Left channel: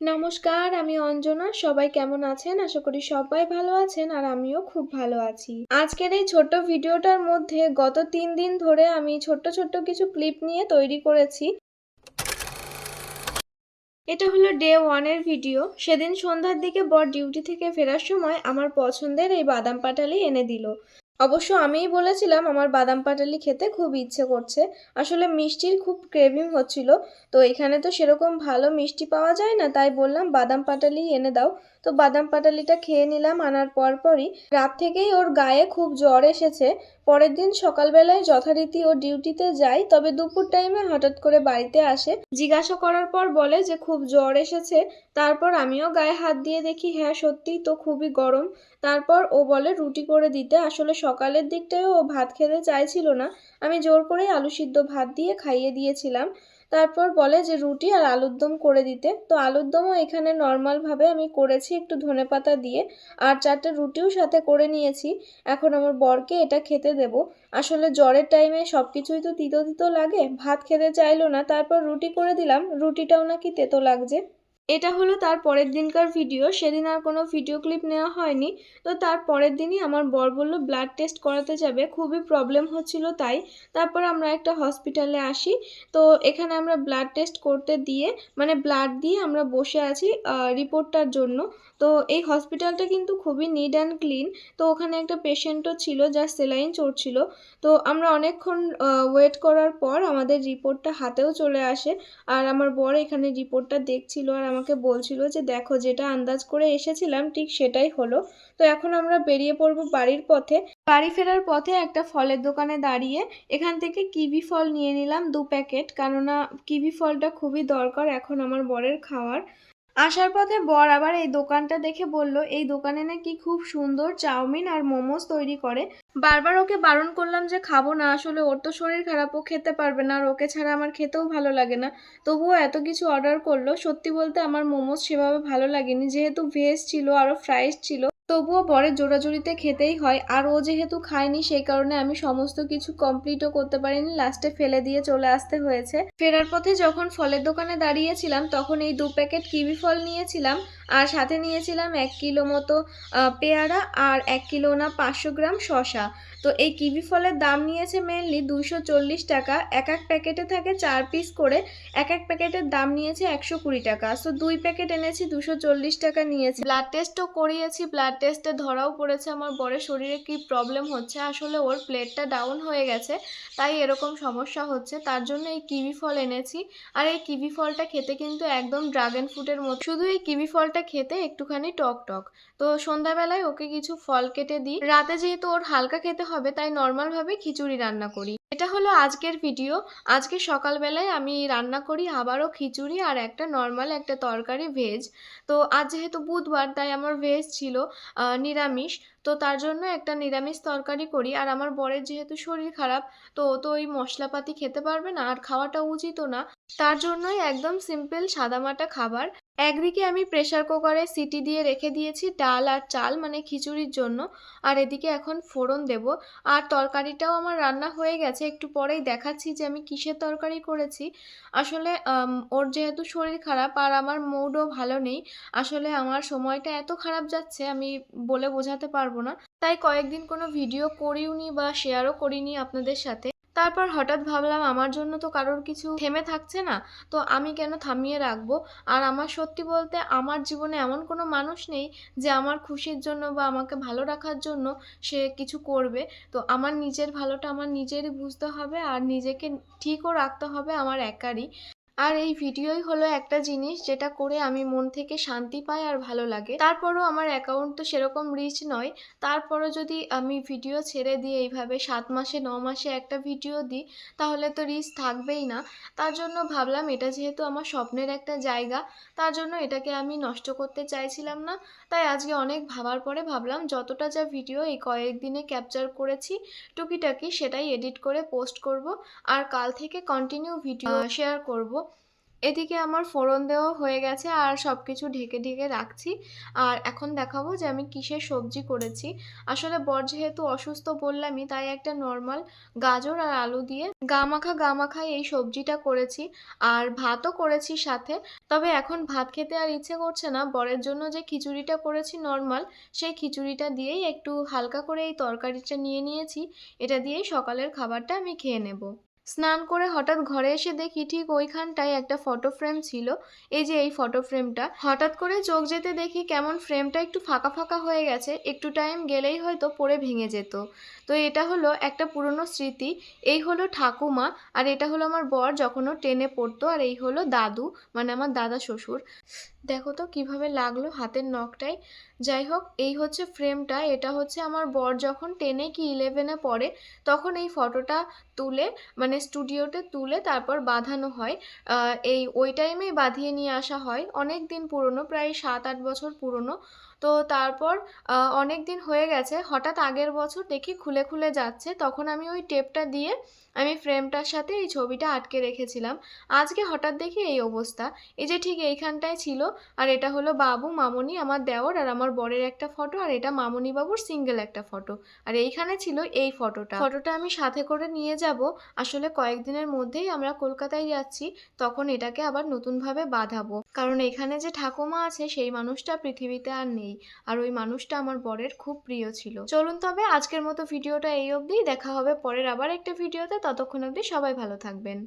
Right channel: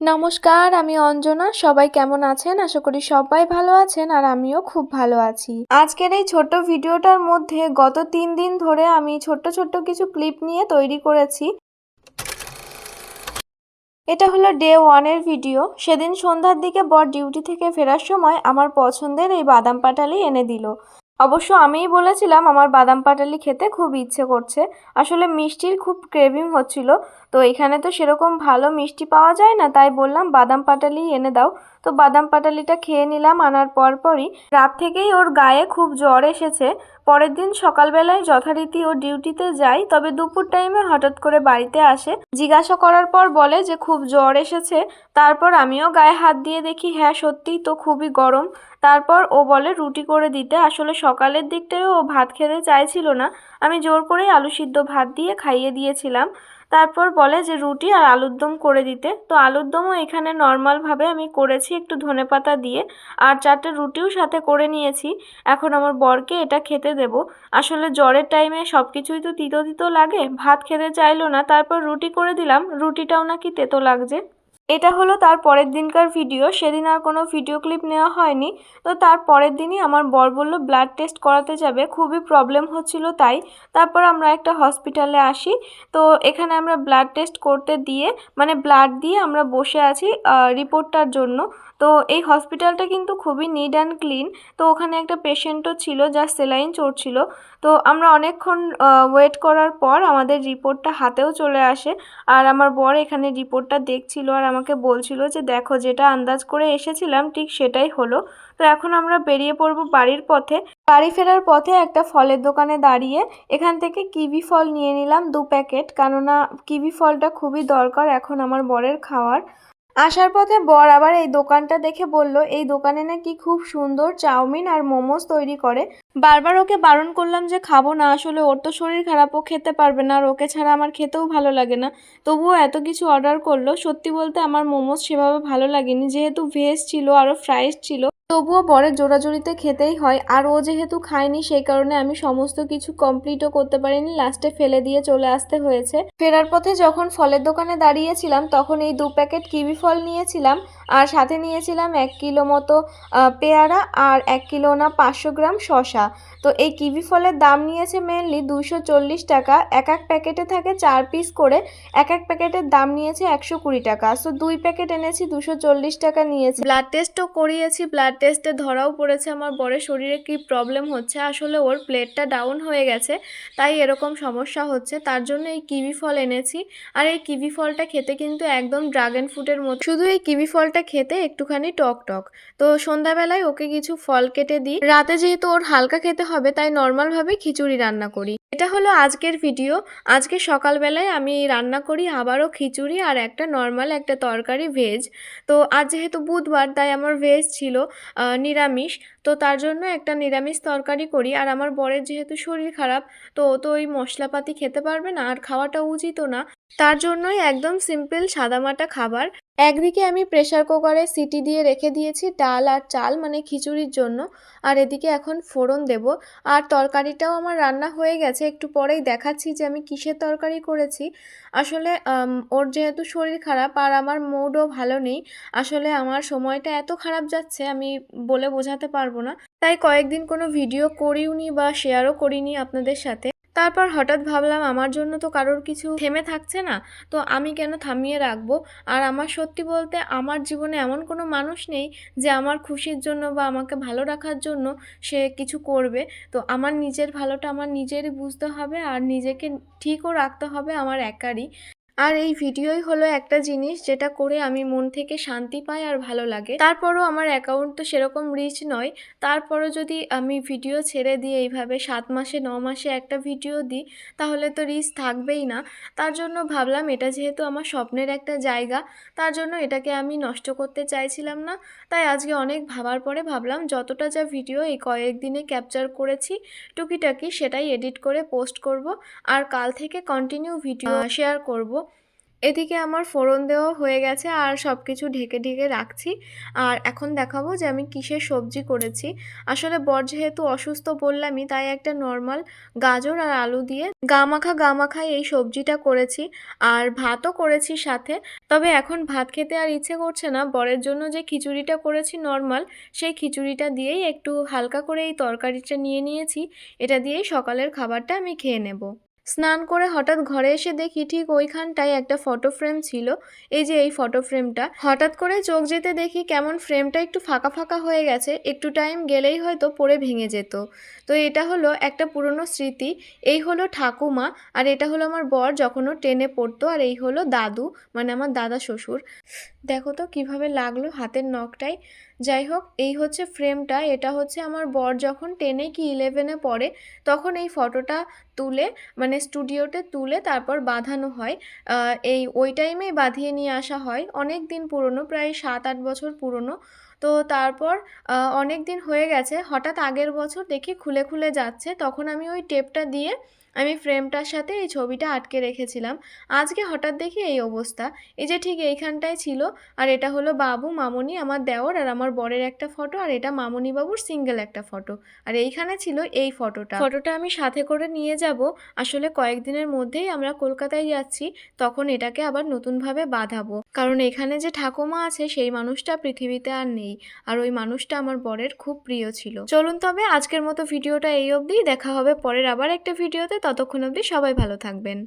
নমস্কার, আমি অঞ্জনা। সবাই কেমন আছেন? আশা করি সবাই ভালো আছেন আর আমিও খুব ভালো আছি। আজকের এই ছোট্ট ভিডিওটার মধ্যে গত ৩ দিন ধরে আমি ছোট্ট কিছু ক্লিপ নিয়ে তৈরি করেছি। এটা হলো ডে 1 এর ভিডিও। সেদিন সন্ধ্যার দিকে বর ডিউটি থেকে ফেরার সময় আমার পছন্দের এই বাদাম পাটালি এনে দিল। অবশ্য আমিই বলেছিলাম আমার বাদাম পাটালি খেতে খুব ইচ্ছে করছে। আসলে মিষ্টির খুব ক্রেভিং হচ্ছিল। তো এখানে তো সেরকম ভালো মিষ্টি পাওয়া যায় না, তাই বললাম বাদাম পাটালি এনে দাও। তো বাদাম পাটালিটা খেয়ে নিলাম। আনার পরপরই রাত থেকেই ওর গায়ে খুব জ্বর এসেছে। পরের দিন সকালবেলায় যথারীতি ও ডিউটিতে যায়, তবে দুপুর টাইমে হঠাৎ করে বাড়িতে আসে। জিজ্ঞাসা করার পর বলে যে খুব জ্বর এসেছে। তারপর আমিও গায়ে হাত দিয়ে দেখি হ্যাঁ সত্যিই তো খুবই গরম। তারপর ও বলে রুটি করে দিতে। আসলে সকালের দিকটায় ও ভাত খেতে চাইছিল না, আমি জোর করেই আলু সিদ্ধ ভাত দিয়ে খাইয়ে দিয়েছিলাম। তারপর বলে যে রুটি আর আলুর দম করে দিতে। তো আলুর দমও এখানে নর্মালভাবে আমি করেছি একটু ধনেপাতা দিয়ে, আর 4টে রুটিও সাথে করে নিয়েছি। এখন আমার বরকে এটা খেতে দেব। আসলে জ্বরের টাইমে সব কিছুই তো তিতো তিতো লাগে, ভাত খেতে চাইলো না, তারপর রুটি করে দিলাম, রুটিটাও নাকি তেতো লাগছে। এটা হলো তার পরের দিনকার ভিডিও। সেদিন আর কোনো ভিডিও ক্লিপ নেওয়া হয়নি। তো তার পরের দিনই আমার বর বলল ব্লাড টেস্ট করাতে যাবে, খুবই প্রবলেম হচ্ছিল তাই। তারপর আমরা একটা হসপিটালে আসি। তো এখানে আমরা ব্লাড টেস্ট করতে দিয়ে মানে ব্লাড দিয়ে আমরা বসে আছি রিপোর্টটার জন্য। তো এই হসপিটালটা কিন্তু খুবই নিট অ্যান্ড ক্লিন। তো ওখানে একটা পেশেন্টও ছিল যার সেলাইন চড়ছিল। তো আমরা অনেকক্ষণ ওয়েট করার পর আমাদের রিপোর্টটা হাতেও চলে আসে। আর আমার বর এখানে রিপোর্টটা দেখছিল আর আমাকে বলছিল যে দেখো যেটা আন্দাজ করে এসেছিলাম ঠিক সেটাই হলো। তো এখন আমরা বেরিয়ে পড়বো বাড়ির পথে। বাড়ি ফেরার পথে একটা ফলের দোকানে দাঁড়িয়ে এখান থেকে কিবি ফল নিয়ে নিলাম 2 প্যাকেট, কেননা কিবি ফলটা খুবই দরকার এখন আমার বরের খাওয়ার। আসার পথে বর আবার এই দোকানটা দেখে বলল এই দোকানে নাকি খুব সুন্দর চাউমিন আর মোমোস তৈরি করে। বারবার ওকে বারণ করলাম যে খাবো না, আসলে ওর তো শরীর খারাপ, ও খেতে পারবে না আর ওকে ছাড়া আমার খেতেও ভালো লাগে না। তবুও এত কিছু অর্ডার করলো। সত্যি বলতে আমার মোমোস সেভাবে ভালো লাগেনি, যেহেতু ভেজ ছিল আরও ফ্রাইস ছিল। তবুও বরের জোরাজুরিতে খেতেই হয়, আর ও যেহেতু খায়নি সেই কারণে আমি সমস্ত কিছু কমপ্লিটও করতে পারিনি, লাস্টে ফেলে দিয়ে চলে আসতে হয়েছে। ফেরার পথে যখন ফলের দোকানে দাঁড়িয়েছিলাম তখন এই 2 প্যাকেট কিবি ফল নিয়েছিলাম, আর সাথে নিয়েছিলাম 1 কিলো মতো পেয়ারা আর 1 কিলো না 500 গ্রাম শসা। তো এই কিবি ফলের দাম নিয়েছে মেনলি 240 টাকা। এক এক প্যাকেটে থাকে 4 পিস করে। এক এক প্যাকেটের দাম নিয়েছে 120 টাকা। সো 2 প্যাকেট এনেছি, 240 টাকা নিয়েছে। ব্লাড টেস্টও করিয়েছি, ব্লাড টেস্টে ধরাও পড়েছে আমার বরের শরীরে কি প্রবলেম হচ্ছে। আসলে ওর প্লেটটা ডাউন হয়ে গেছে, তাই এরকম সমস্যা হচ্ছে। তার জন্য এই কিবি ফল এনেছি। আর এই কিবি ফলটা খেতে কিন্তু একদম ড্রাগন ফ্রুটের মতো, শুধু এই কিবি ফলটা খেতে একটুখানি টক টক। তো সন্ধ্যাবেলায় ওকে কিছু ফল কেটে দিই। রাতে যেহেতু ওর হালকা খেতে হবে তাই নর্মালভাবে খিচুড়ি রান্না করি। এটা হলো আজকের ভিডিও। আজকে সকালবেলায় আমি রান্না করি আবারও খিচুড়ি আর একটা নর্মাল একটা তরকারি ভেজ। তো আজ যেহেতু বুধবার তাই আমার ভেজ ছিল নিরামিষ। তো তার জন্য একটা নিরামিষ তরকারি করি। আর আমার বরের যেহেতু শরীর খারাপ, তো ও তো ওই মশলাপাতি খেতে পারবে না আর খাওয়াটা উচিতও না। তার জন্যই একদম সিম্পল সাদামাটা খাবার। একদিকে আমি প্রেসার কুকারে সিটি দিয়ে রেখে দিয়েছি ডাল আর চাল মানে খিচুড়ির জন্য। আর এদিকে এখন ফোড়ন দেব। আর তরকারিটাও আমার রান্না হয়ে গেছে, একটু পরেই দেখাচ্ছি যে আমি কিসের তরকারি করেছি। আসলে ওর যেহেতু শরীর খারাপ আর আমার মুডও ভালো নেই। আসলে আমার সময়টা এত খারাপ যাচ্ছে আমি বলে বোঝাতে পারবো না। তাই কয়েকদিন কোনো ভিডিও করিওনি বা শেয়ারও করিনি আপনাদের সাথে। তারপর হঠাৎ ভাবলাম আমার জন্য তো কারোর কিছু থেমে থাকছে না, তো আমি কেন থামিয়ে রাখবো। আর আমার সত্যি বলতে আমার জীবনে এমন কোনো মানুষ নেই যে আমার খুশির জন্য বা আমাকে ভালো রাখার জন্য সে কিছু করবে। তো আমার নিজের ভালোটা আমার নিজেরই বুঝতে হবে আর নিজেকে ঠিকও রাখতে হবে আমার একারই। আর এই ভিডিওই হলো একটা জিনিস যেটা করে আমি মন থেকে শান্তি পাই আর ভালো লাগে। তারপরও আমার অ্যাকাউন্ট তো সেরকম রিচ নয়। তারপরও যদি আমি ভিডিও ছেড়ে দিয়ে এইভাবে 7 মাসে 9 মাসে একটা ভিডিও দিই তাহলে তো রিচ থাকবেই না। তার জন্য ভাবলাম এটা যেহেতু আমার স্বপ্নের একটা জায়গা, তার জন্য এটাকে আমি নষ্ট করতে চাইছিলাম না। তাই আজকে অনেক ভাবার পরে ভাবলাম যতটা যা ভিডিও এই কয়েকদিনে ক্যাপচার করেছি টুকিটাকি সেটাই এডিট করে পোস্ট করব। আর কাল থেকে কন্টিনিউ ভিডিও শেয়ার করব। এদিকে আমার ফোড়ন দেওয়া হয়ে গেছে আর সবকিছু ঢেকে ঢেকে রাখছি। আর এখন দেখাবো যে আমি কিসের সবজি করেছি। আসলে বর যেহেতু অসুস্থ বললামই, তাই একটা নরমাল গাজর আর আলু দিয়ে গা মাখা এই সবজিটা করেছি। আর ভাতও করেছি সাথে। তবে এখন ভাত খেতে আর ইচ্ছে করছে না। বরের জন্য যে খিচুড়িটা করেছি নরমাল, সেই খিচুড়িটা দিয়েই একটু হালকা করে এই তরকারিটা নিয়ে নিয়েছি। এটা দিয়েই সকালের খাবারটা আমি খেয়ে নেব। স্নান করে হঠাৎ ঘরে এসে দেখি ঠিক ওইখানটায় একটা ফটো ফ্রেম ছিল। এই যে এই ফটো ফ্রেমটা, হঠাৎ করে চোখ যেতে দেখি কেমন ফ্রেমটা একটু ফাঁকা ফাঁকা হয়ে গেছে, একটু টাইম গেলেই হয়তো পড়ে ভেঙে যেত। তো এটা হলো একটা পুরনো স্মৃতি। এই হলো ঠাকুমা, আর এটা হলো আমার বর যখন ও টেনে পড়তো, আর এই হলো দাদু, মানে আমার দাদা শ্বশুর। দেখো তো কিভাবে লাগলো হাতের নখটায়। যাই হোক, এই হচ্ছে ফ্রেমটা। এটা হচ্ছে আমার বর যখন 10-এ কি 11-এ পড়ে, তখন এই ফটোটা তুলে, মানে স্টুডিওতে তুলে তারপর বাঁধানো হয়। এই ওই টাইমেই বাঁধিয়ে নিয়ে আসা হয়। অনেক দিন পুরনো, প্রায় 7-8 বছর পুরনো। তো তারপর অনেক দিন হয়ে গেছে, হঠাৎ আগের বছর দেখি খুলে খুলে যাচ্ছে, তখন আমি ওই টেপটা দিয়ে আমি ফ্রেমটার সাথে এই ছবিটা আটকে রেখেছিলাম। আজকে হঠাৎ দেখি এই অবস্থা। এই যে ঠিক এইখানটায় ছিল। আর এটা হলো বাবু, মামনি, আমার দেওর আর আমার বরের একটা ফটো, আর এটা মামনি বাবুর সিঙ্গেল একটা ফটো। আর এইখানে ছিল এই ফটোটা আমি সাথে করে নিয়ে যাব। আসলে কয়েকদিনের মধ্যেই আমরা কলকাতায় যাচ্ছি, তখন এটাকে আবার নতুনভাবে বাঁধাবো, কারণ এখানে যে ঠাকুমা আছে সেই মানুষটা পৃথিবীতে আর নেই। আর ওই মানুষটা আমার বরের খুব প্রিয় ছিল। চলুন তবে আজকের মতো ভিডিওটা এই অবধি। দেখা হবে পরের আবার একটা ভিডিওতে। ততক্ষণ অবধি সবাই ভালো থাকবেন।